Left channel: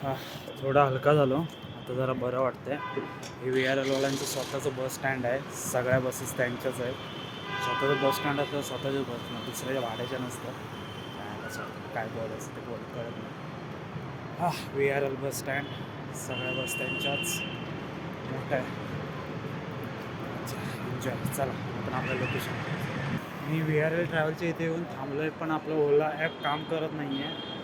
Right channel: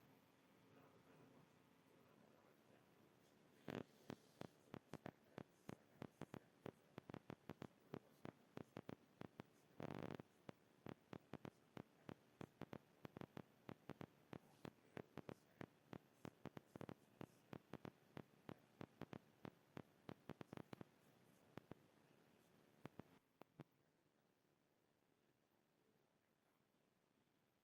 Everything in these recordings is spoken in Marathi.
हा, थोडा हलका झालो आता, जरा बरं वाटतंय. हे VRL वाल्यांचं स्वतःचं बस स्टँड आहे. सगळ्या बसेस त्यांच्याच आहेत. स्वतःचं बस स्टँड असतं, स्वतःच्या बस दुसऱ्याच्या भाड्याच्या नसतं. काय बोलायचं ते कळत नाही. हा, VRL बस स्टँड, सगळ्या बस त्यांच्याच. मोठं आहे. एन्जॉय. चला आपण आपल्या लोकेशन. मी VRL ट्रॅव्हलच्या इथे येऊन थांबलो आहे, पण आपलं ओला ॲप काम करत नाही आहे.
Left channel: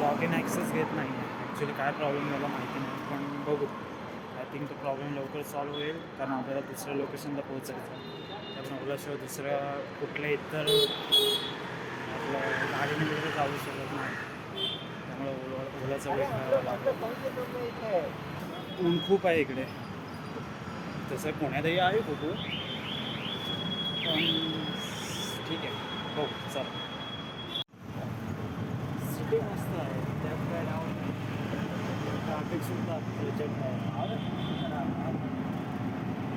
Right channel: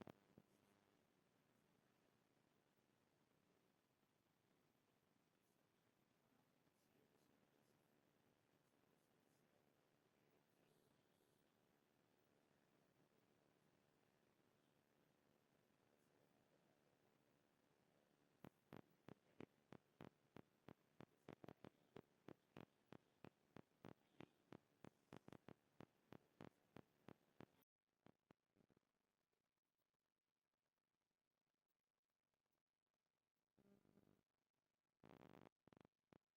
लॉग इन ॲक्सेस घेत नाही आहे. ॲक्च्युली काय प्रॉब्लेम मला माहिती नाही, पण बघू. आय थिंक तो प्रॉब्लेम लवकर सॉल्व्ह होईल, कारण आपल्याला दुसऱ्या लोकेशनला पोहोचायचं आहे. त्यामुळे ओलाशिवाय दुसऱ्या कुठल्या इतर आपल्या गाडीने वगैरे जाऊ शकत नाही. त्यामुळे ओलाचा वेट करावा लागतो. ऊन खूप आहे इकडे. तसं पुण्यातही आहे खूप, पण ठीक आहे. हो, चला. सिटी मस्त आहे, त्यात काय नाव नाही. ट्रॅफिकसुद्धा प्रचंड आहे.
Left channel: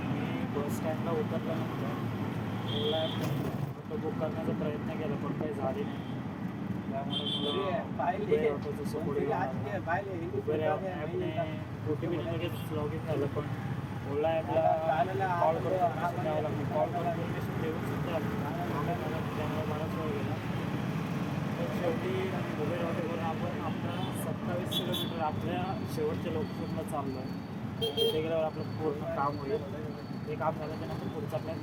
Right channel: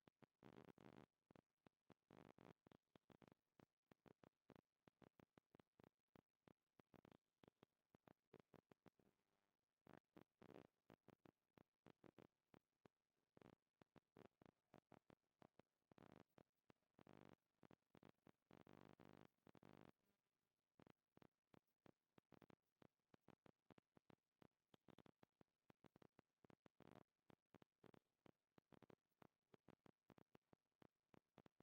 मी बस स्टँडला उतरल्यानंतर ओला ॲप बुक करण्याचा प्रयत्न केला, पण काही झाले नाही. त्यामुळे उबेर ऑटोचं पुढे उबेर ॲपने OTP लगेच लॉग इन झालं, पण ओला ॲपला कॉल करून द्यावं लागतं. कॉल करून परमिशन देऊन सुद्धा त्यामुळे बराच वेळ गेला. तर शेवटी उबेर ऑटो करून आपण आपला 27 किलोमीटर आपल्या शेवटच्या लोकेशनला चाललो आहे. तिथे गेल्यावर आपलं पूर्ण काम होईल. ते काम झाल्याच्या नंतर पुढचं आपल्या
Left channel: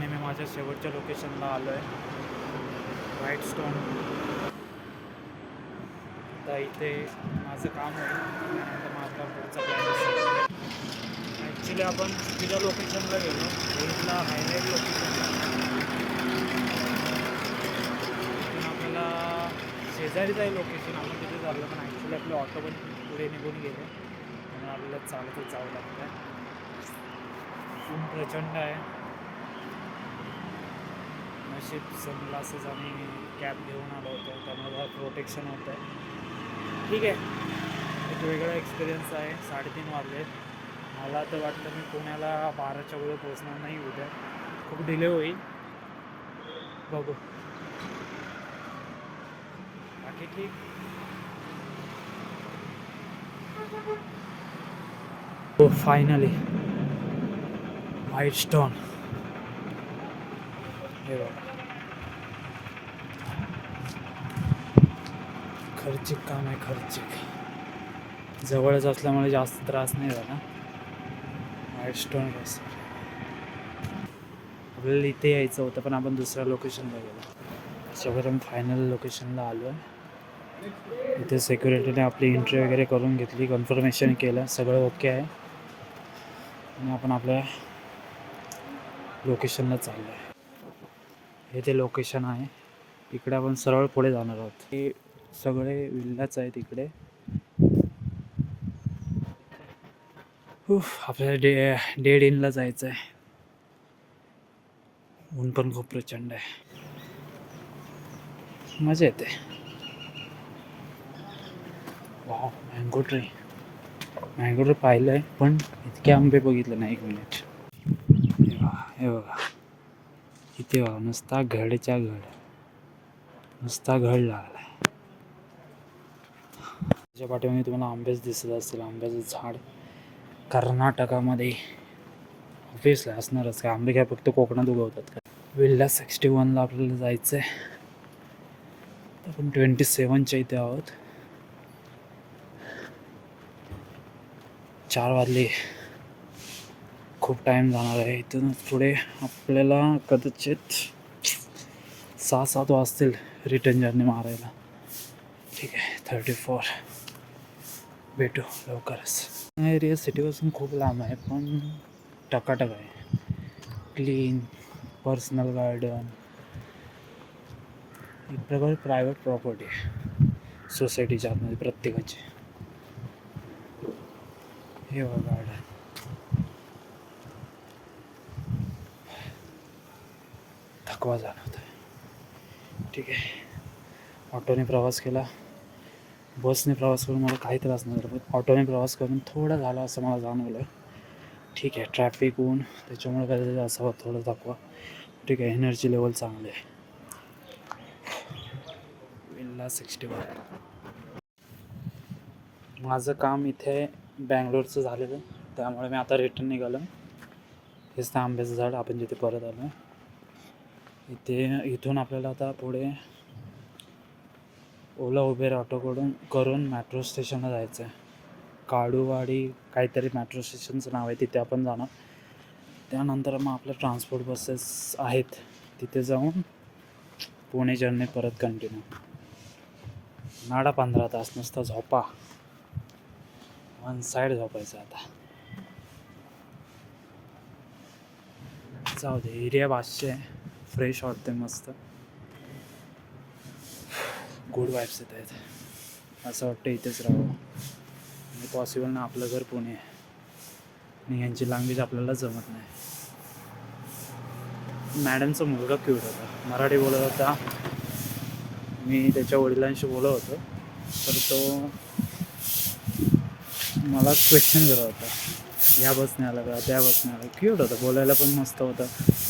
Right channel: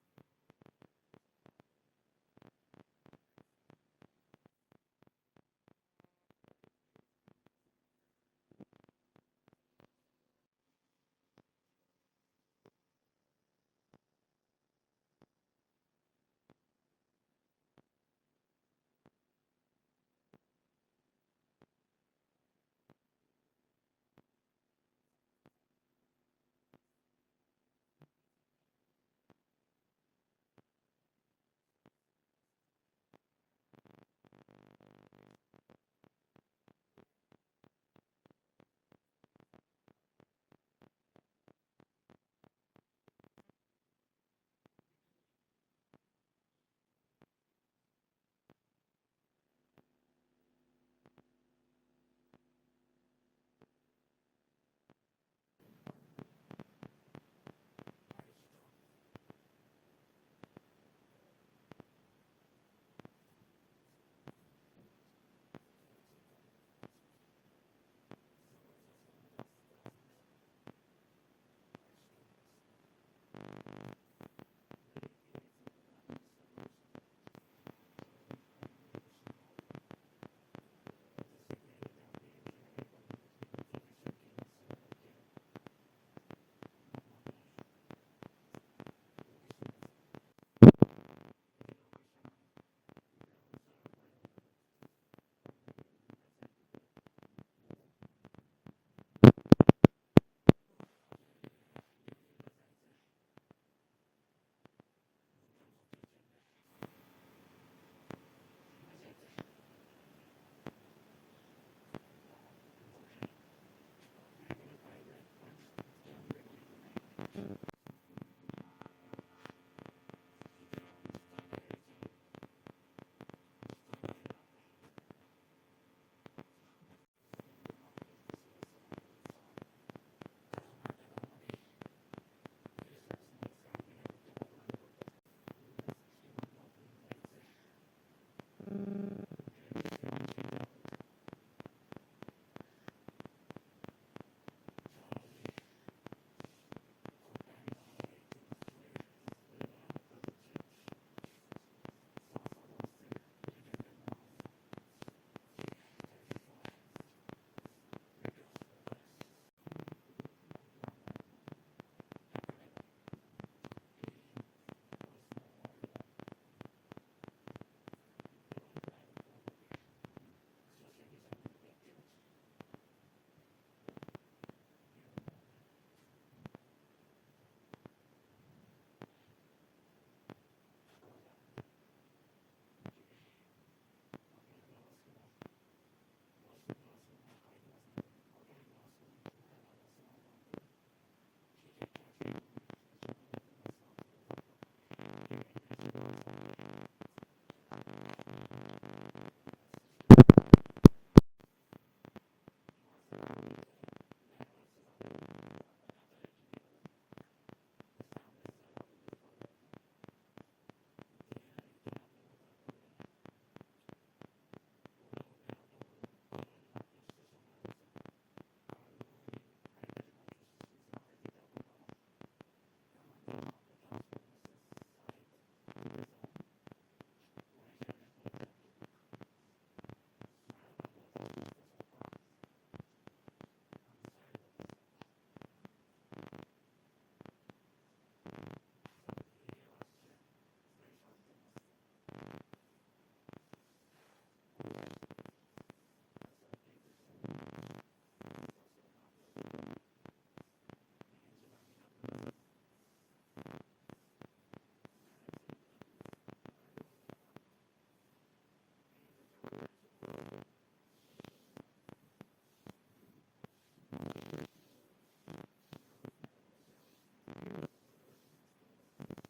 मी माझ्या शेवटच्या लोकेशनला आलो आहे, व्हाईट स्टोन. आता इथे माझं काम होईल, त्यानंतर माझा पुढचा प्लॅन असेल. ॲक्च्युली आपण चुकीच्या लोकेशनला गेलो. इथला हायलाईट लोकेशनला तिथून आपल्याला शेजारीच आहे लोकेशन, आपण तिथे चाललं, पण ॲक्च्युली आपले ऑटो पण पुढे निघून गेले, म्हणून आपल्याला चालतच जावं लागतं आहे. ऊन प्रचंड आहे. नशीब सनग्लासेस आणि कॅप घेऊन आलो होतो, त्यामुळे प्रोटेक्शन होतं आहे. ठीक आहे, एक वेगळा एक्सपिरियन्स आहे. 3:30 वाजले. मला तर वाटतं मी पुण्याला 12च्या पुढे पोहोचणार नाही उद्या, खूप डिले होईल. बघू, बाकी ठीक. हो, फायनली व्हाईट स्टोन. हे बघा, खर्चिक काम आहे, खर्चिक. जवळच असल्यामुळे जास्त त्रास नाही झाला. White stone resort. आपल्याला इथे यायचं होतं, पण आपण दुसऱ्या लोकेशनला गेलो. अशापर्यंत फायनल लोकेशनला आलो आहे. इथे सिक्युरिटीने आपली एंट्री वगैरे करून घेतली, कन्फर्मेशन केलं, सगळं ओके आहे, आणि आपण आपल्या लोकेशनला चाललो आहे. हे ते लोकेशन आहे. इकडे आपण सरळ पुढे जाणार आहोत. हे सगळे विल्लाच आहेत इकडे. आपल्याला डेड इनला जायचं आहे. ऊन पण खूप प्रचंड आहे, मजा येते. वाव, मँगो ट्री पाहिलं आहे, पण इतके आंबे बघितले नाही. 1 मिनिट. हे बघा, इथे बघा, नुसता घडच्या घड, नुसता घड लागला आहे. त्याच्या पाठीमागे तुम्हाला आंबेच दिसत असतील. आंब्याचं झाड कर्नाटकामध्ये ऑब्वियसली असणारच. काय आंबे काय फक्त कोकणात उगवतात का? विल्ला 61ला आपल्याला जायचं आहे. आपण 27च्या इथे आहोत. 4 वाजले, खूप टाईम जाणार आहे. इथून पुढे आपल्याला कदाचित 6-7 वाजतील रिटर्न जर्नी मारायला. ठीक आहे, 34. भेटू लवकरच. एरिया सिटीपासून खूप लांब आहे, पण टकाटक आहे, क्लीन. पर्सनल गार्डन, एक प्रकारे प्रायव्हेट प्रॉपर्टी आहे सोसायटीच्या आतमध्ये प्रत्येकाची. हे बघा गार्डन. थकवा जाणवतोय. ठीक आहे, ऑटोने प्रवास केला, बसने प्रवास करून मला काही त्रास नाही झाला, पण ऑटोने प्रवास करून थोडं झालं असं मला जाणवलं. ठीक आहे, ट्रॅफिक ऊन त्याच्यामुळे काय असावं थोडं थकवा. ठीक आहे, एनर्जी लेवल चांगले आहे. विल्ला 61. माझं काम इथे बँगलोरचं झालेलं, त्यामुळे मी आता रिटर्न निघालो. हेच त्या आंब्याचं झाड आपण जिथे परत आलो. इथून आपल्याला आता पुढे ओला उबेर ऑटो करून मेट्रो स्टेशनला जायचं आहे. काडूवाडी काहीतरी मेट्रो स्टेशनचं नाव आहे, तिथे आपण जाणार. त्यानंतर मग आपल्या ट्रान्सपोर्ट बसेस आहेत, तिथे जाऊन पुणे जर्नी परत कंटिन्यू. नाडा 15 तास नुसता झोपा, वन साईड झोपायचं. आता जाऊ दे, एरिया 500 आहे, फ्रेश वाटते, मस्त गुड वाईब्स येत आहेत. असं वाटतं इथेच राहावं, आणि पॉसिबल ना. आपलं घर पुणे आहे आणि यांची लँग्वेज आपल्याला जमत नाही. मॅडमचा मुलगा क्यूट होता, मराठी बोलत होता. मी त्याच्या वडिलांशी बोलत होतो, तर तो मला क्वेश्चन करत होता, ह्या बसने आला का, त्या बसने आला. क्यूट होतं, बोलायला पण मस्त होतं.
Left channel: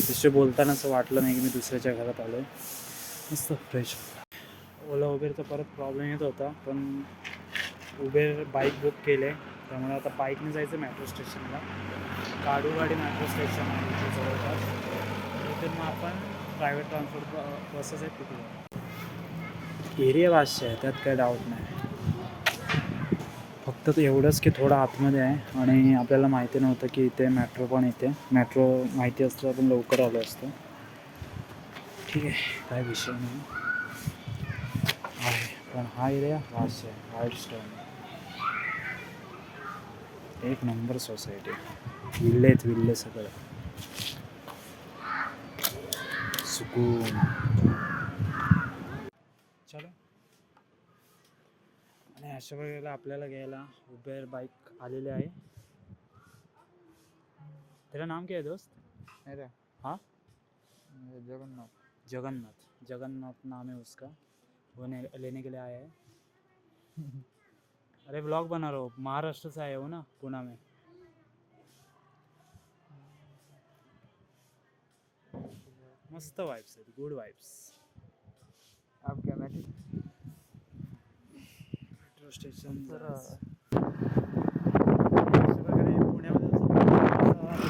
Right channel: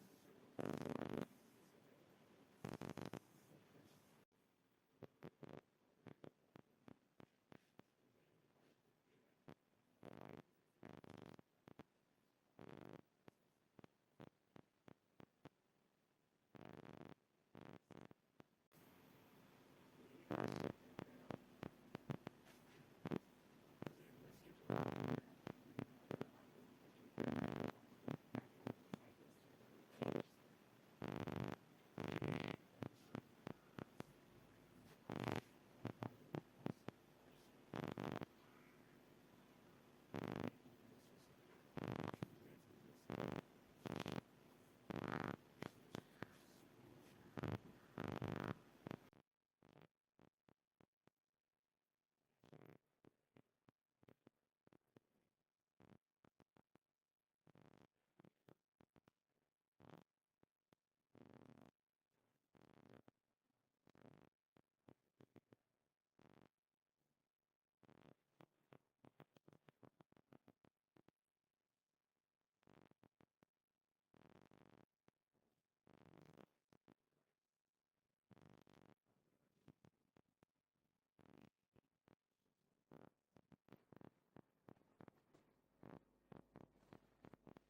तिथे बोलताना असं वाटलं नाही की मी दुसऱ्याच्या घरात आलो आहे. मस्त फ्रेश. ओला उबेरचा परत प्रॉब्लेम येत होता, पण उबेर बाईक बुक केले, त्यामुळे आता बाईकने जायचं मेट्रो स्टेशनला. काडूवाडी मेट्रो स्टेशन आहे इथे जवळपास. तिथून मग आपण प्रायव्हेट ट्रान्सपोर्ट बसेस आहेत तिथे जाऊ. एरिया 500 आहे, त्यात काही डाऊट नाही. फक्त एवढंच की थोडं आतमध्ये आहे, आणि आपल्याला माहिती नव्हतं की इथे मेट्रो पण येते. मेट्रो माहिती असतं आपण लवकर आलो असतो. ठीक आहे, काय विषय नाही आहे, पण हा एरिया 500 आहे. वाईल्डस्टोन एक नंबर सोसायटी, विल्ले सगळं सुकून. चलो, आणि अशा वेळेला आपल्याला घ्यायला उबेर बाईक आलेली आहे. तेरा नाम क्या है दोस्त? मेरा हाँ जगन्नाथ नाम है उसका. वो लेने के लिए आया है. अरे ब्लॉग बना रहा हूँ, महाराष्ट्र से आया हूँ ना, पुणे में. मस्त वाइब्स आहेत, गुड वाइब्स. आप क्या मेट्रो स्टेशन पुण्यामध्ये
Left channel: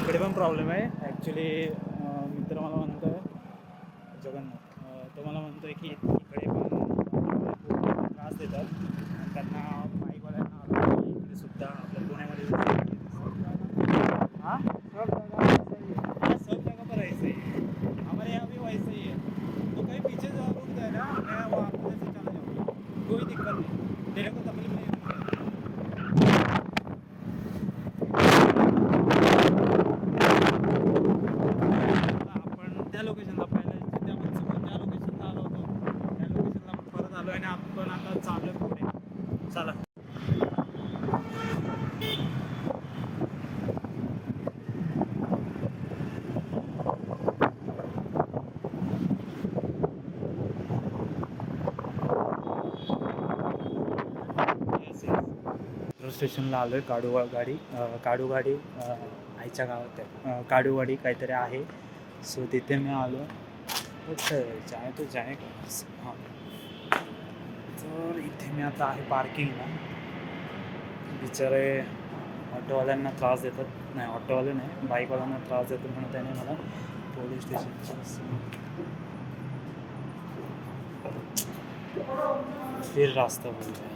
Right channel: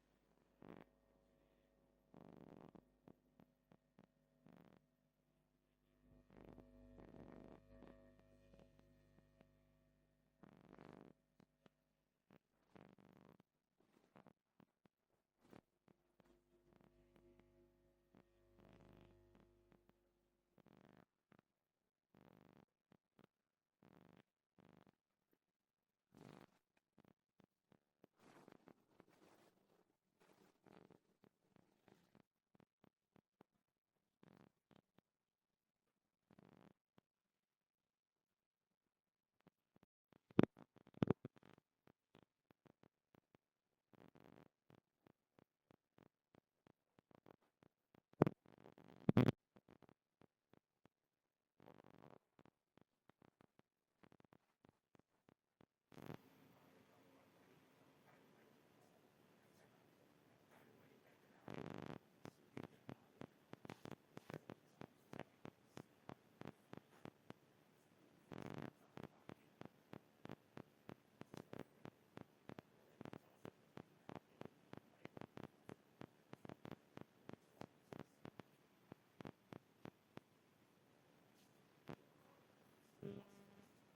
इकडे पण प्रॉब्लेम आहे ॲक्च्युली. मित्र मला म्हणतो आहे, जगन्नाथ, तो मला म्हणतो आहे की इकडे पण त्रास देतात, आणि त्यांना बाईकवाल्यांना इकडे सुद्धा आपल्या पुण्यामध्ये हाँ सब जगह पर ऐसे ही है, हमारे यहाँ भी वैसे ही है. तो कहीं पीछे जो रुक गए ना, मैं वो आपको से चला जाऊँगा, कोई दिक्कत नहीं, तेरे को तकलीफ नहीं होगी. आपण त्या लोकेशनला पहिल्या त्या मनसुखच्या लोकेशनला आलो होतो, त्या लोकेशनला परत आलो, आणि आपण आता चालू आहे पुढे. चला. मेट्रो स्टेशनला आलो आहे. काडूवाडी आईच्या गावात आहे, काडूवाडी काहीतरी आहे. सो तिथे मी आलो. जाय तो जाय हां. तर इथे मी आता आहे पार्किंगला. बिचारे ऑटोवाल्यांना त्रास देतात, नाही ऑटोवाले नाही, बाईकवाल्यांना त्रास देतात म्हणून त्याने मला पोलीस स्टेशनच्या फिर रास्ता बोल रहा है.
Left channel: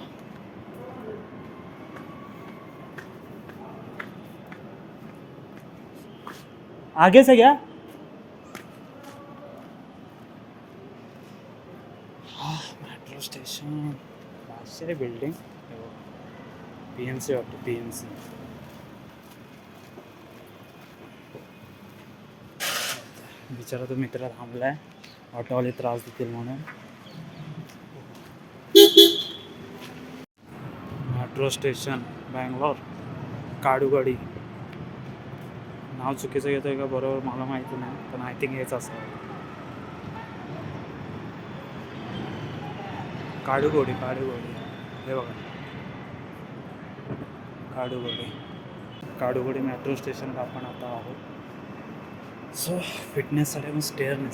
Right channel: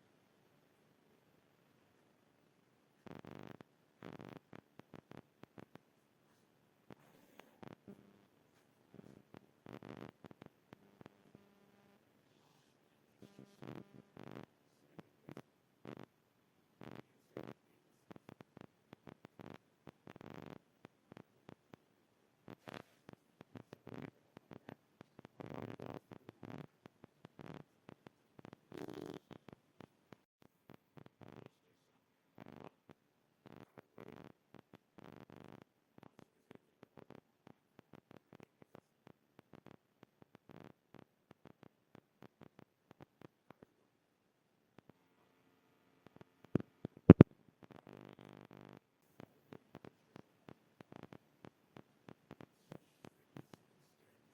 आगे से क्या? मेट्रो स्टेशन 500 बिल्डिंग, PNC वाटतं, PNC. बिचारा तो मित्र थांबलाय ऑटोवाले त्रास देतील म्हणून. Metro station Bangalore Kadugodi. नाव चुकीचं घेतोय का बरोबर मला माहिती नाही, पण आय थिंक हेच असावं. काडूगोडी हे बघा काडूगोडी मेट्रो स्टेशनला आपण आता आहोत. सो फिटनेससाठी पण स्टेअरने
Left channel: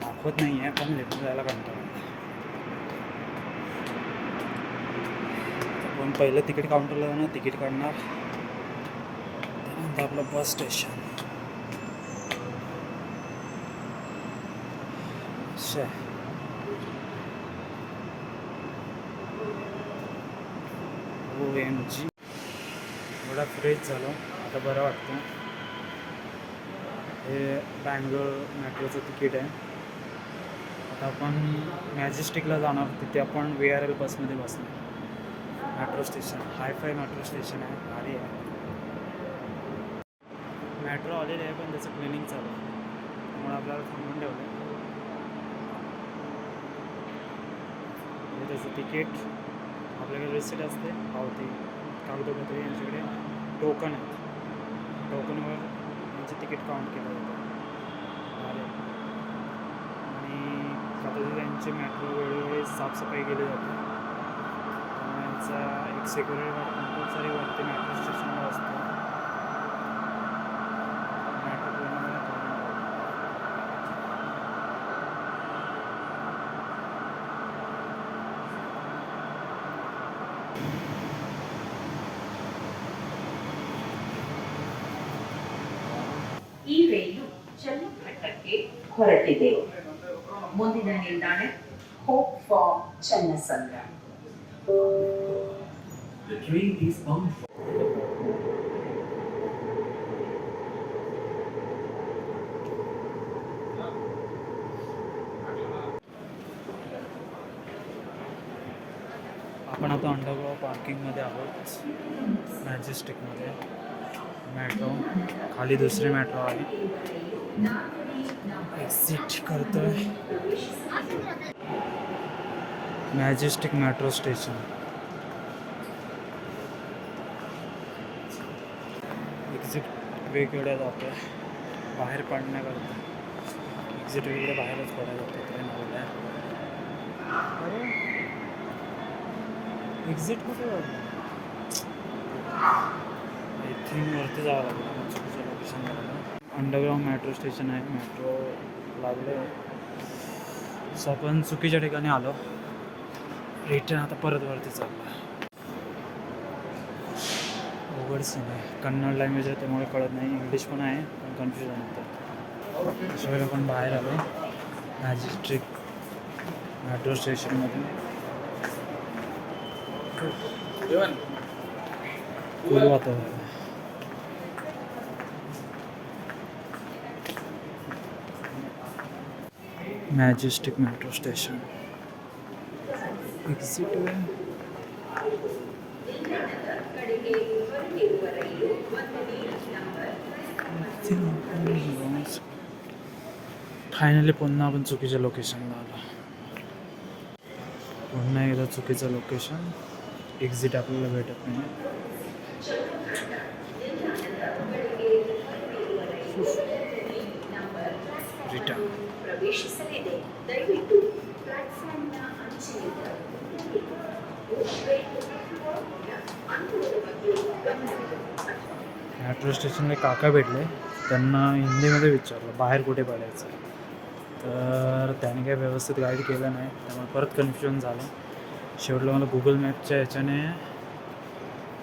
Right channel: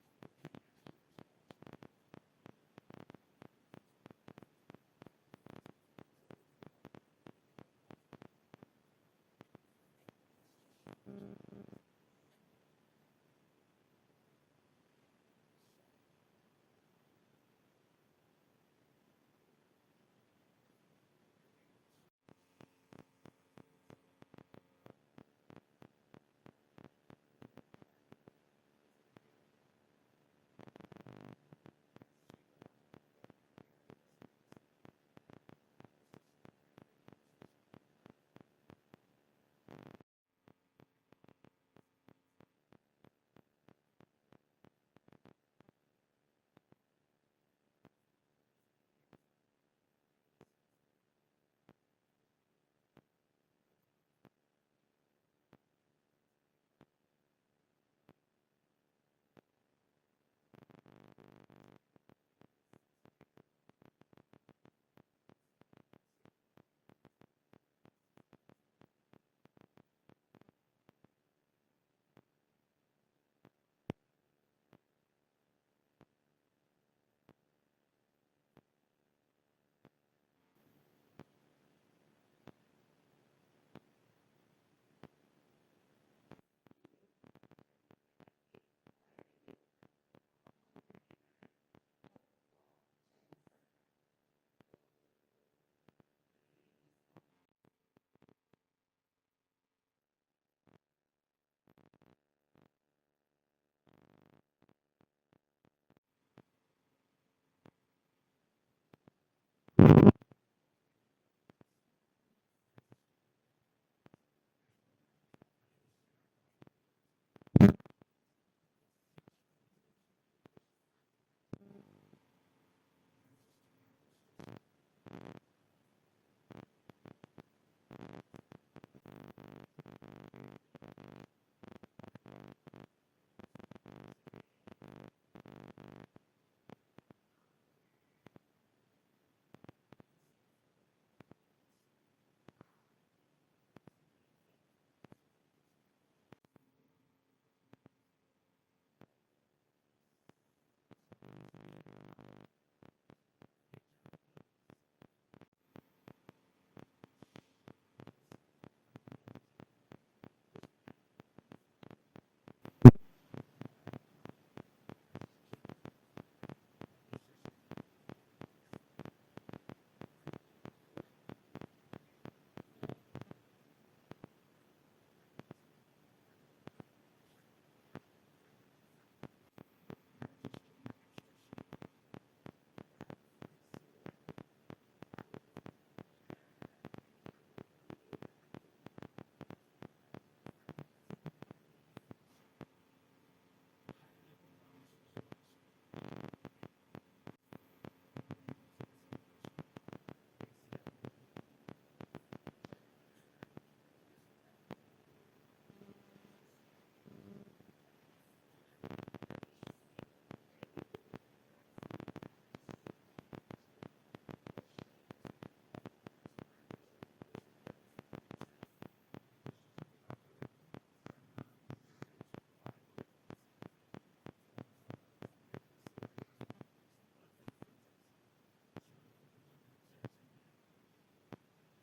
दाखवत नाही आहे, पण लेटून जायला कंटाळा. पण पहिलं तिकीट काउंटरला जाणार, तिकीट काढणार, त्यानंतर आपलं बस स्टेशन. OMG एवढा फ्रेश झालो आता, बरं वाटतं. हे बँगलोर मेट्रोचं तिकीट आहे. आता आपण मॅजेस्टिकला जाणार, तिथे आपण VRL बसमध्ये बसणार. Metro station hi fi metro station आहे, भारी आहे. मेट्रो आलेली आहे पण त्याचं क्लिनिंग चालू आहे, त्यामुळे आपल्याला थांबून ठेवलं आहे. त्याचं तिकीट आपल्याकडे रिसिट असते, पावती, कागदपत्रे, यांच्याकडे टोकन आहे. टोकनवर यांचे तिकीट काउंट केलं जातं. आणि आता त्यांची मेट्रो वेळोवेळी साफसफाई केली जाते. यांचा एक सिक्युरिटी गार्ड कंपल्सरी वरती मेट्रो स्टेशनला असतो. मेट्रो पूर्णपणे ಈ ರೈಲು ಚನ್ನಪಟ್ಟಣಕ್ಕೆ ಹೊರಟಿದೆ. ಮುಂದಿನ ನಿಲ್ದಾಣ hope for Channasandra. The train is bound for आपण आता अंडरग्राउंड पार्किंगमध्ये आहोत, मॅजेस्टिकमध्ये. मेट्रो खाली दुसरी मेट्रो आहे, एक्झिट करतोय. Majestic metro station. एक्झिट वेगवेगळ्या जातोय बाहेर पडण्याकरता. एक्झिट वेगळे बाहेरच पडायला जातो ट्रेन आलेल्या. एक्झिट कुठे जातो? आय थिंक वरती जावं लागेल, चुकीचं लोकेशन लागलं. अंडरग्राउंड मेट्रो स्टेशन आहे, मेट्रो लागले. सो आपण चुकीच्या ठिकाणी आलो. रिटर्न आता परत वरती चाललं. अवघड सीन आहे, कन्नड लँग्वेज आहे त्यामुळे कळत नाही, इंग्लिश पण आहे पण कन्फ्युजन होतं. त्याशिवाय आपण बाहेर आलो मॅजेस्टिक मेट्रो स्टेशनमधून. कूल वातावरण. मॅजेस्टिक मेट्रो स्टेशन एक्झिट वे. फायनली पुन्हा आपण चुकीच्या लोकेशनला आलो. पुन्हा एकदा चुकीचं लोकेशन. एक्झिट आपल्याला भेटत नाही. रिटर्न. ಪ್ರವೇಶಿಸಲಿದೆ. ದಯವಿಟ್ಟು ಪ್ಲಾಟ್ಫಾರ್ಮ್ನ ಅಂಚಿನಿಂದ मेट्रो स्टेशनला काका भेटले, त्यांना हिंदीमध्ये विचारलं बाहेर कुठे पडायचं, तर त्याने काही व्यवस्थित गाईड केलं नाही, त्यामुळे परत कन्फ्युजन झालं. शेवटला मला गुगल मॅपच्या ह्याच्याने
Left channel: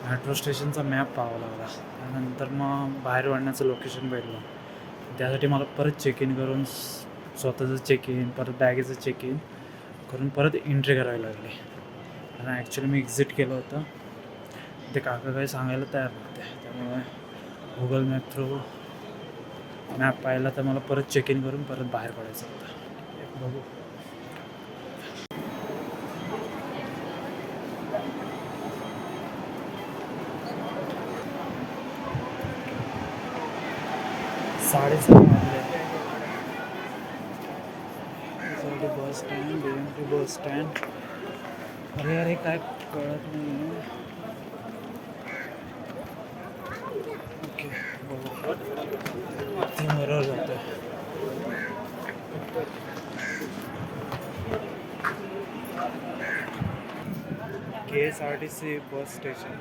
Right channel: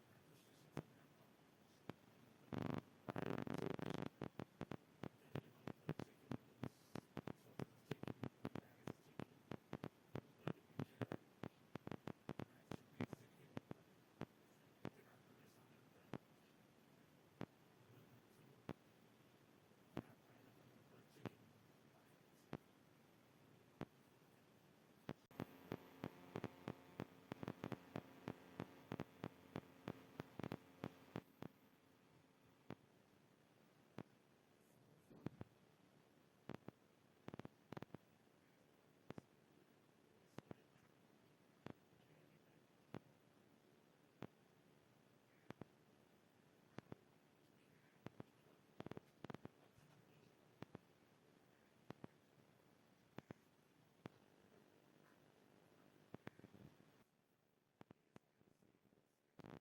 मेट्रो स्टेशनचा मॅप पाहावा लागला. त्यानंतर मग बाहेर पडण्याचं लोकेशन भेटलं. त्यासाठी मला परत चेक इन करून, स्वतःचं चेक इन, परत बॅगेचं चेक इन करून परत एंट्री करावी लागली. आणि ॲक्च्युली मी एक्झिट केलं होतं. ते काका काही सांगायला तयार नव्हते, त्यामुळे गुगल मॅप थ्रू मॅप पाहिला तर मला परत चेक इन करून परत बाहेर पडायचं होतं. बघू. साडेसहा वाजले. Bus stand BMT bus stand. अरे अरे काय कळत नाही. ओके बरोबर जातं. KSRTC bus station.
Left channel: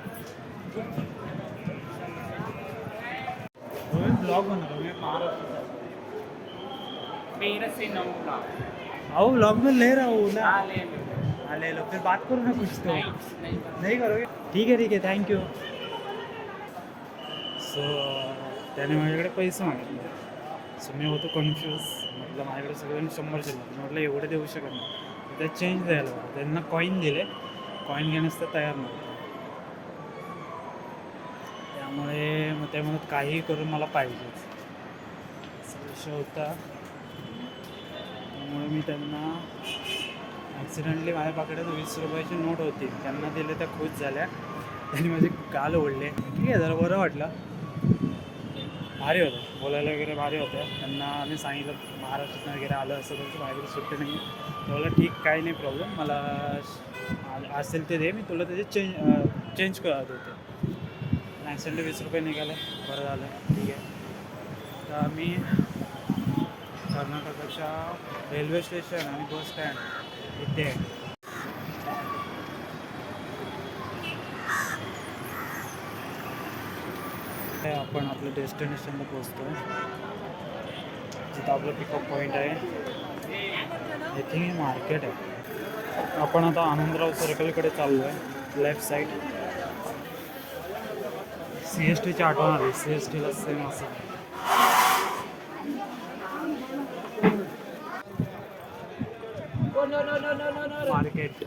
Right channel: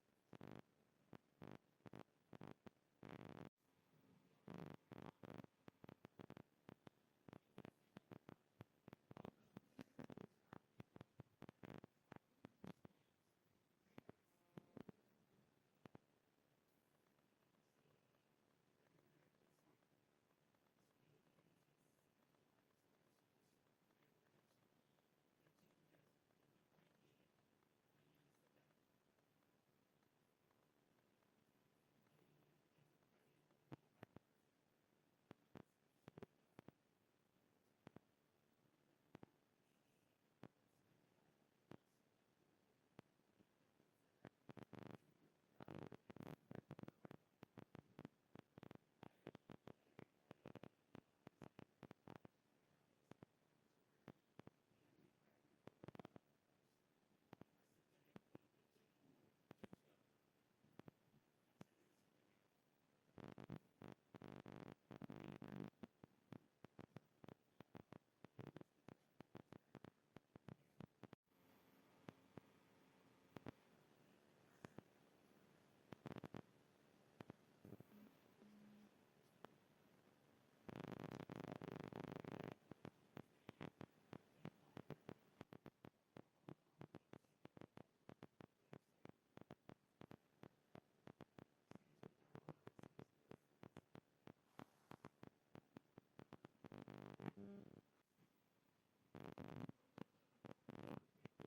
ब्लॉग बनवतो मी महाराष्ट्र. मेरा से नौ लाख आओ ब्लॉग में ले रहा हूँ ना. ले हाँ ले लो फिर बात करो ना कुछ तो. नहीं नहीं करोगे. ठीक आहे थँक्यू. सो त्याने माझ्याकडे पैसे मागितले. सो मी होतो कन्फ्यूज. म्हटलं माझ्याकडे सगळ्यांनी 100 शिल्लक. म्हटलं एवढे देऊ शकत नाही. त्यात चेंज द्यायला होतं. त्यांना कॉईन दिले. कॉईन घेण्यास तर तयार नव्हते. त्यामुळे मग ते म्हणत काहीही करून मला पाहिजेच असा विषय होता. त्यामुळे मी त्यांना ॲक्सिडेंटली माझ्याकडे 20 रुपयाची नोट होती. त्यांना दिले त्या खुश झाल्या. त्यांनी माझे गाल ओढले. ठीक आहे जरा बरं वाटलं. भारी होतं बोलायला वगैरे भारी होतं. त्यांना मी सांगितलं महाराष्ट्रातून वगैरे आलं असं तसं माझ्याकडे सुट्टी नाही. तेवढं ठीक काही नाही प्रॉब्लेम. मला असेल ते दे मी तुला त्याचे चेंज करत होते. ॲक्सिडेंट 20 रुपये निघाले. बरं झालं ठीक आहे. तर मी कर्नाटकाच्या रेल्वे स्टेशन आणि बस स्टँड इथे आपण आपल्या डेस्टिनेशनला पोचतो. जिथं आपलं पिकअप पॉईंट आहे. आय थिंक हे मार्केट आहे. आपण आता आनंदराव सर्कलकडे चाललो आहे. लेफ्ट साईड CSTची आठवण आली. CSTला सेम असं मार्केट.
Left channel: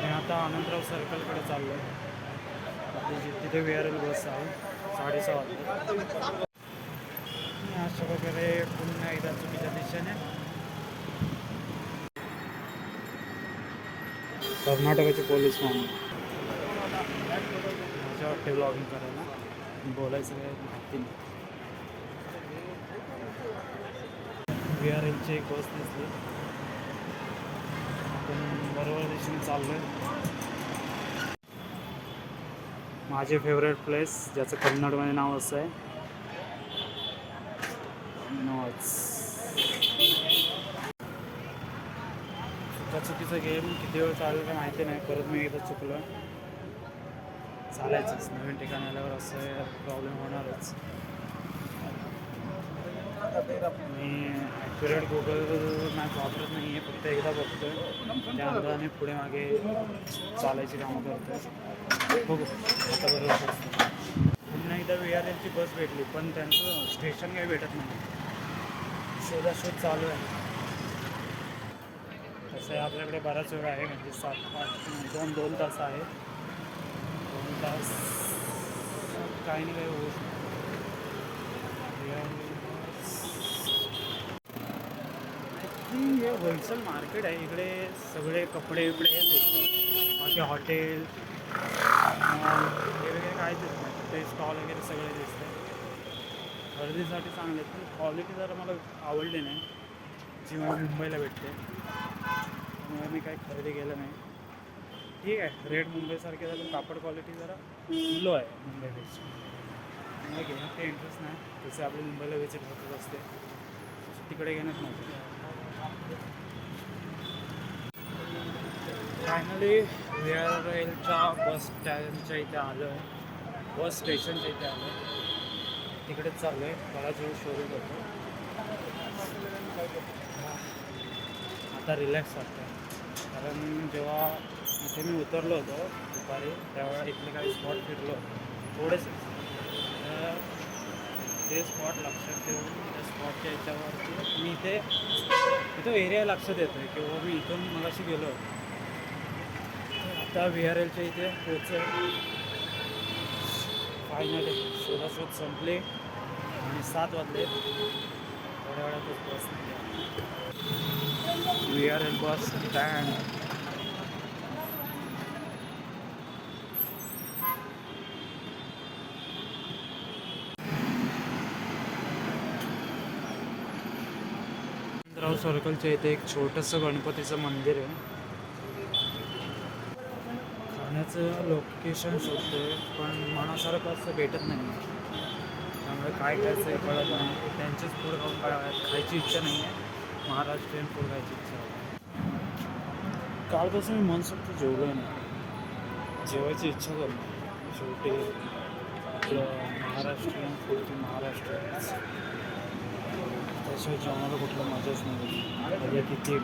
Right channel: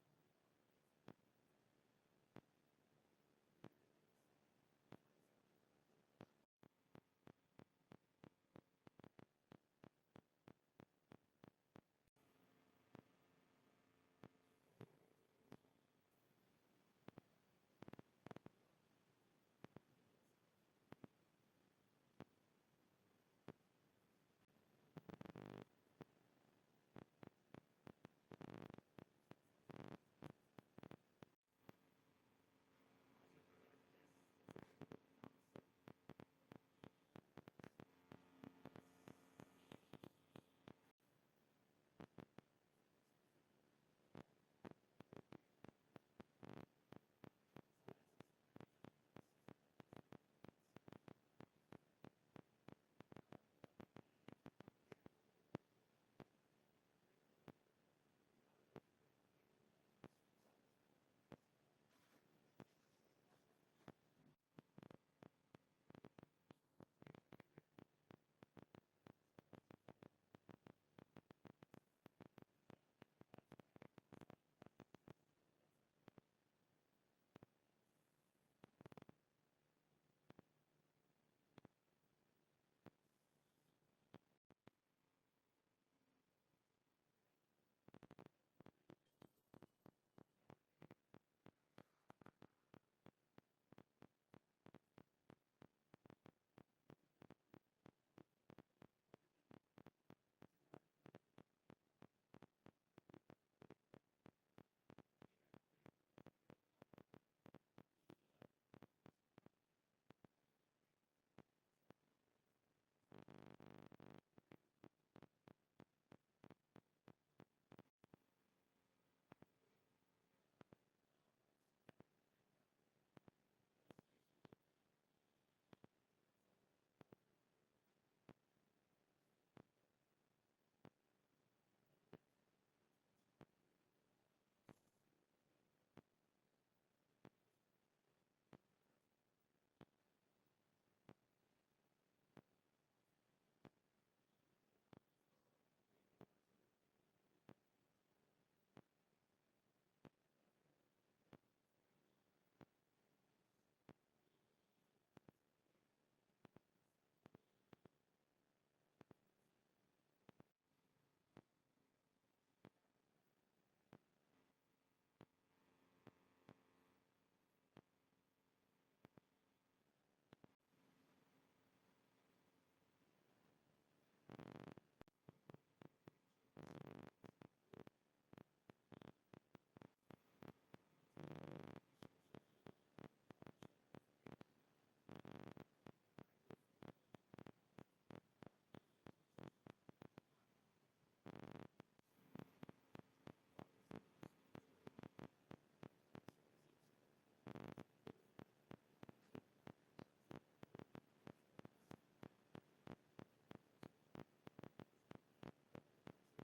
मी आता आनंदराव सर्कलकडे चाललो आहे. तिथे VRL बस आहे. 6:30 वाजता. अशा प्रकारे पुन्हा एकदा चुकीच्या दिशेने कर्नाटकाचे पोलीस म्हणून माझ्या वाटते ब्लॉगिंग करायला. बोलायचं काही माहिती नाही. VRLची एक बस दिसली. आपण बरोबर दिशेने चाललो आहे. माझे फेवरेट प्लेस ज्याचं कन्नडमध्ये नाव असं आहे चुकीचं गेम किती वेळ चालेल का माहिती नाही. परत मी एकदा चुकलो. चालायचंच नवीन ठिकाणी आल्यावर असं प्रॉब्लेम होणारच. मी ॲक्युरेट गुगल मॅप वापरत नाही आहे. फक्त एकदा बघतो आहे. त्या अंदाजाने पुढे मागे चालायची कामं करतो आहे. बघू आता बरोबर असतं. पुन्हा एकदा VRLची बस भेटली पण त्यांचं स्टेशन काही भेटत नाही. शोधाशोध चालू आहे. तसं आपल्याकडे बराच वेळ आहे. म्हणजे 7-8 2 तास आहे. 2 तास काही नाही काही होऊ शकतं. हे होलसेल मार्केट आहे. इकडे सगळे कपडे बिपडे हे दिसतात. बाकी हॉटेल वेगवेगळे काय दिसत नाही. ते स्टॉल वगैरे सगळे दिसतात. खरेदीसाठी चांगले पण क्वालिटी जरा मला आवडली नाही जी मला मुंबईला भेटते. त्यामुळे मी काही खरेदी केलं नाही. ठीक आहे रेट मुंबईसारखे झालं. कापड क्वालिटी जरा लो आहे मुंबईपेक्षा. मला घेण्यात काही इंटरेस्ट नाही. जसे आपली मुंबईला विजिट होतच असते तिकडे घेण्यात नव्हतं. फायनली VRLच्या बस स्टँडच्या इथे आलो आहे. बस स्टेशनच्या इथे आलो आहे. तिकडेच चाललो आहे. बराच वेळ शोधत होतो. आता रिलॅक्स वाटतं. कारण जेव्हा इथे मी उतरलो होतो दुपारी त्यावेळेला इथले काही स्पॉट फिरलो थोडेसे. तर ते स्पॉट लक्षात ठेवून त्या स्पॉटच्या याच्यावरती मी इथं एरिया लक्षात येतो आहे किंवा मी इथून मगाशी गेलो होतो. आता VRLच्या इथे पोचलो. फायनली शोधाशोध संपली आणि 7 वाजले. थोड्या वेळातच बस VRL बस स्टँड. यशवंतराव सर्कलच्या इथे एक छोटंसं गणपतीचं मंदिर आहे. खाण्याचं लोकेशन शोधतोय पण मनासारखं असं भेटत नाही. त्यामुळे काय खायचं हे कळत नाही. त्यांचेच फूड खाऊन खायची इच्छा नाही आहे. महाराष्ट्रीयन फूड खायची इच्छा आहे. कालपासून मी मनसोक्त जेवलो नाही. जेवायची इच्छा करतो. शेवटी आपलं महाराष्ट्रीयन फूड की महाराष्ट्रीयनच. त्याशिवाय जेवणाला कुठलं मजाच नाही. मजा किती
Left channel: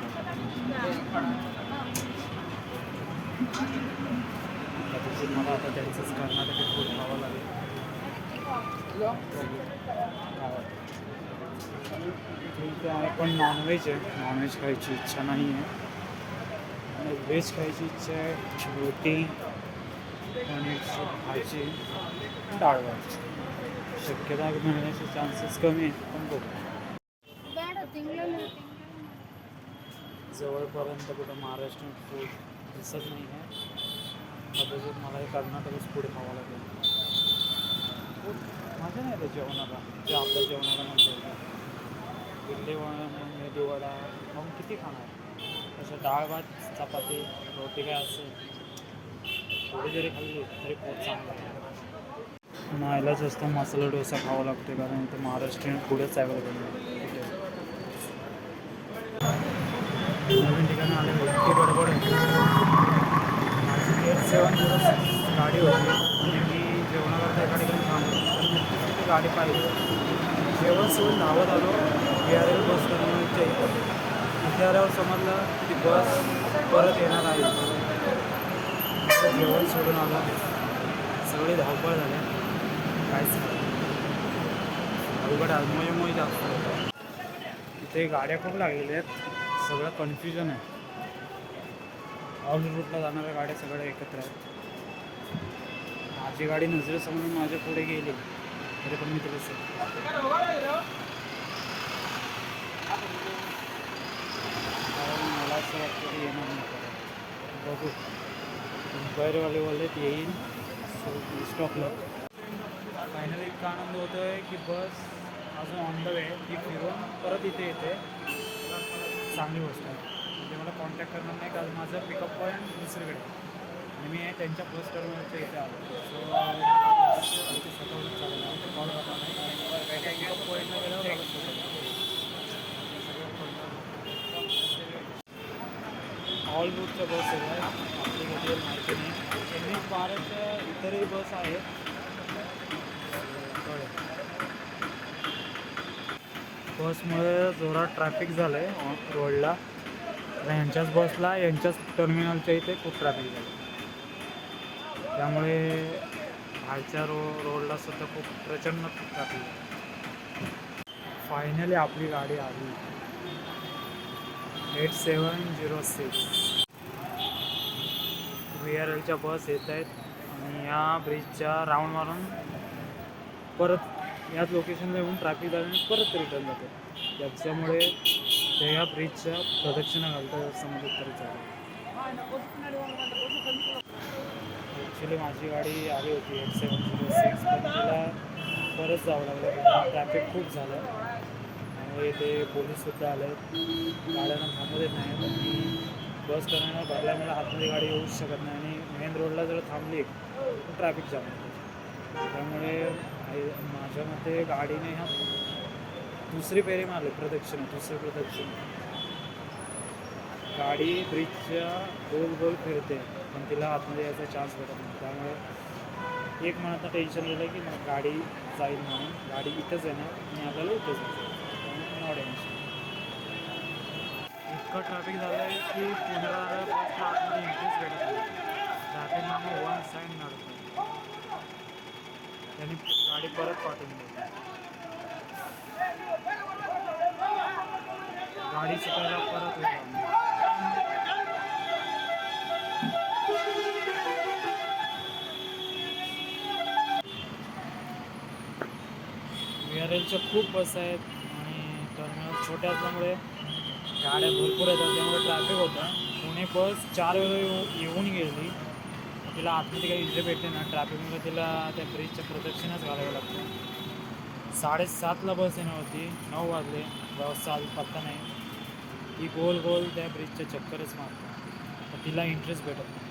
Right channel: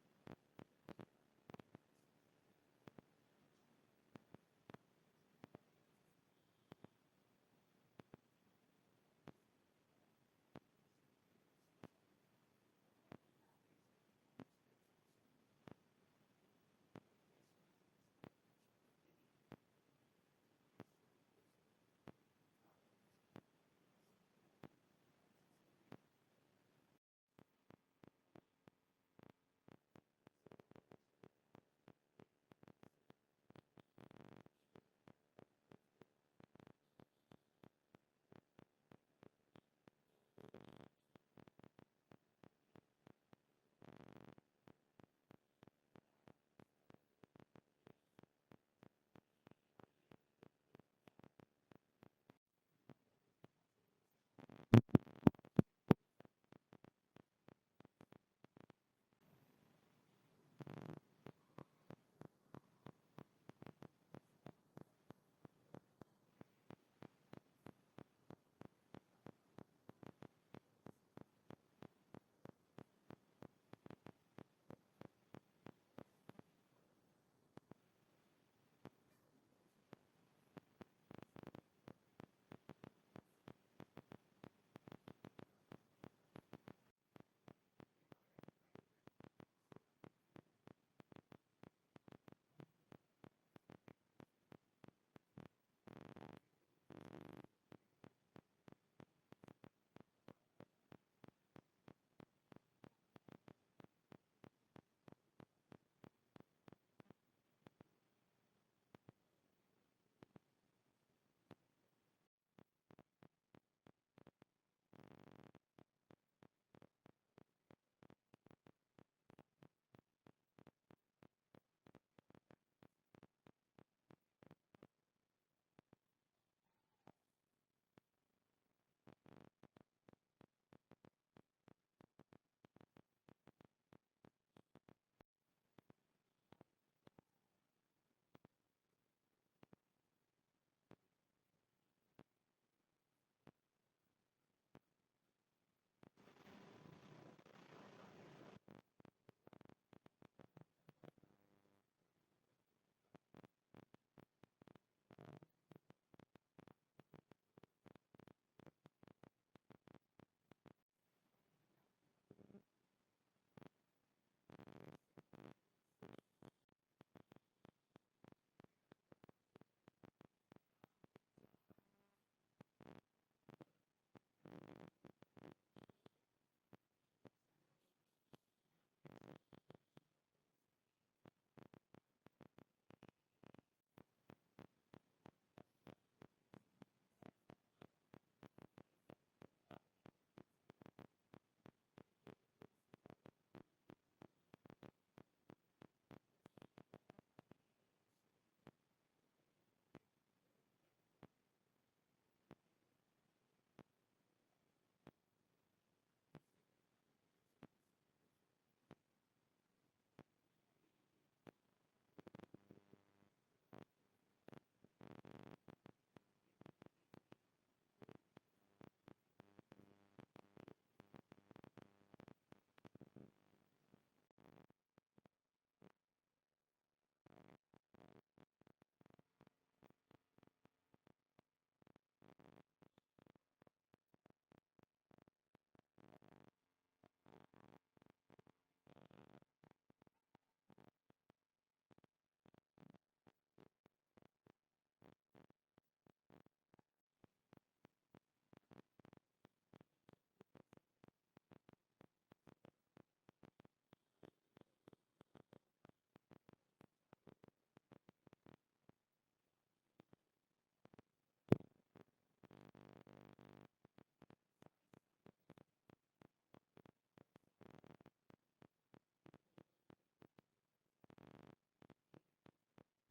कदाचित मला आता त्यांचंच कर्नाटकी फूड खावं लागेल. ठीक आहे, पण नॉनव्हेज आहे. नॉनव्हेज खायची इच्छा नाही आहे आणि व्हेज खायची इच्छा आहे. रोटी पनीरची भाजी डाळ भात. शक्यता मिळण्याचे चान्सेस कमी आहेत पण बघू. जवळपर्यंत कुठं महाराष्ट्रीयन फूड दिसत नाही आहे. कदाचित मला हे कर्नाटकच फूड खावं लागेल. मजा नाही त्या जेवणाला जे आपल्या जेवणाला म्हणता येतं. इडली वडा मेदूवडा मग किती खाणार. तसं डाळ भात चपाती रोटी काय असेल थोडी जरी खाल्ली तरी पोट चांगलं आहे. नाहीलाच असतं मसाला डोसा खावा लागतो कारण इथे महाराष्ट्रीयन फूडच अवेलेबल आहे. नवीन ठिकाणी आले इतकी गडबड होती. माझी 8706 गाडी होती आणि मी जेवणाकरता एका ठिकाणी थांबलो तर ती गाडी पाहिली. जेवण सोडून धावत आलो VRL बस टर्मिनलच्या इथे आल्यावर समजलं की बस परत येणार आहे. जेवण सोडून आलं. सगळी धावपळ झाली. काहीच अवघड आजमोयमोय जास्त होतं. इथे गाड्या खूप लागलेल्या आहेत. सगळं कन्फ्युजन आहे. ऑल रूटला जाणाऱ्या गाड्या सगळ्या एकत्र आहेत. माझी गाडी नजरेसमोरून माझ्या पुढे गेली तरी पण मी तिला कारण मला असं वाटतं की येणार नाही परत. बघू. मुंबईवाले बोललेत येईल स्टॉपला. फायनली इतका आनंद होतो आहे की बस अजून ऑन द वे ती फिरून परत इथे येते. चांगली गोष्ट आहे. म्हणजे मला कॉन्टॅक्ट करणार नाही कारण माझं पिकअप पॉईंट दुसरीकडे आणि मी त्यांच्या बस टर्मिनलच्या इथे आलो. सो इथे स्वतःहून चालेल कॉल करणार नाही. पिकअप पॉईंटला गेल्यावर मला ऑल रूटच्या बस आहेत. आपली घेतलेली माहिती नाही. NH12च्या इतरही बस आहेत. बसमुळे जोरात ट्रॅफिक झालं आहे रोडला. यांच्याच बसला यांच्याच टर्मिनलच्या इथे खूप ट्रॅफिक झालं. त्यामुळे बाहेरच्या रोडला सुद्धा खूप प्रचंड ट्रॅफिक आहे. फायनली आपली गाडी आली. 8706 VRLच्या बस येत आहेत आणि या ब्रिजच्या राऊंड मारून परत याच लोकेशनला येऊन ट्रॅफिक झाल्याने परत रिटर्न जाते. त्याच्यामुळे ते या ब्रिजच्या प्रदक्षिणा घालतात असं मला तरी चालेल. ॲक्च्युली माझी गाडी आली होती 8706 पण तिला परत जावं लागलं कारण ट्रॅफिक खूप झालं. त्यामुळे ते पोलीससुद्धा आले. गाड्यांना थांबू देत नाही. पण मी बस टर्मिनल भरल्यामुळे आतमध्ये गाडी येऊच शकत नाही आणि मेन रोडला जर थांबली तर ट्रॅफिक जाम होतं. त्यामुळे माझ्या मते गाडीने ह्या दुसरी फेरी मारली दुसरी प्रदक्षिणा. गाडी ब्रिजच्या गोल गोल फिरते पण तिला आतमध्ये यायचा चान्स भेटत नाही. त्यामुळे एक मनात टेन्शन गेलं की मग गाडी जाईल म्हणून. गाडी इथंच येणार आणि आपल्याला इथंच जायचं. No tension. इतकं ट्रॅफिक झालं आहे की पुण्याला बसला आतमध्ये एंट्रीच भेटत नाही. ट्रॅफिक नामं वन साईड नडतं. त्यांनी गाडी परत पाठवून दिली. गाडी शिकायला परत होतो. VRLच्या खूप बस आहेत आणि टर्मिनल छोटे असल्यामुळे गाड्या भरपूर येतात. त्यामुळे ट्रॅफिक होतं. पुणे बस 4 वेळा येऊन गेली. तिला आतमध्ये काही इथे भेटते ना ट्रॅफिकमुळे तिला त्या ब्रिजच्या प्रदक्षिणाच घालावं लागतं. 7:30ला बस येणार होती. 9 वाजले. बसचा आज पत्ता नाही. ती गोल गोल त्या ब्रिजच्या चक्करच मारतात तर तिला इंटरेस्ट भेटत नाही.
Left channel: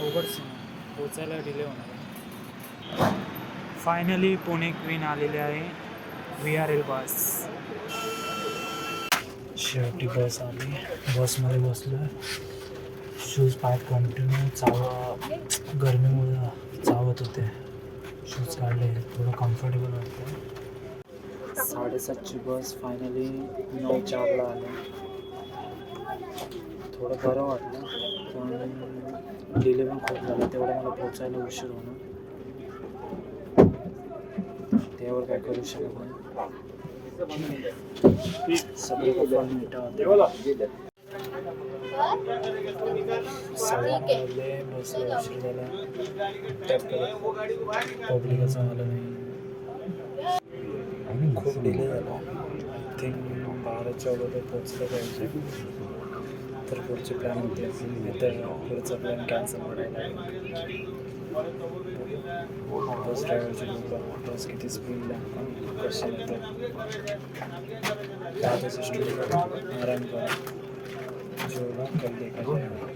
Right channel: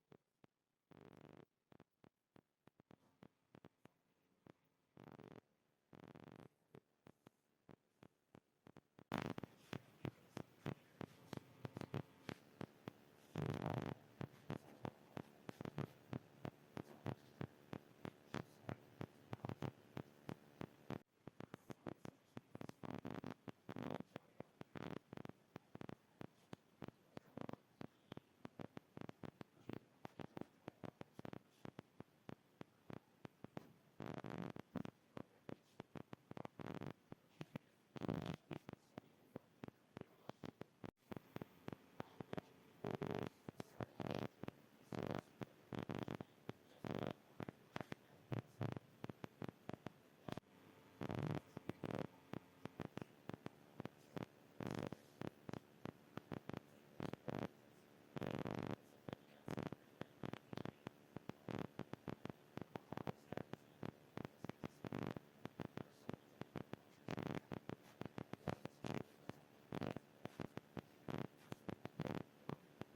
अवघड सीन आहे, पोचायला डिले होणार. फायनली पुणे क्वीन आलेली आहे. VRL बस. शेवटी बस आली. बसमध्ये बसलो. शूज पाय कंटिन्यू गरमीमुळे चावत होते. शूज काढले, थोडं कम्फर्टेबल वाटतं. 7:30ची बस फायनली 9:04ला आली. थोडं बरं वाटलं पण डिले पण खूप झाला, तेवढं मला पोचायला उशीर होणार. त्यावर काय करू शकत नाही. सगळे कपडे बसला उशीर झाला. पब्लिकच आलं नाही. खूप डिले झाला. आय थिंक 12च्या अगोदर पोचलं पाहिजे. तर पुढचे प्लॅन होते, तर पुढचा प्लॅन कॅन्सल करायला. बस ड्रायव्हरची बघा बस किती स्पीडला कसं येतं. आराम करा, जो होगा कल देखा जाएगा.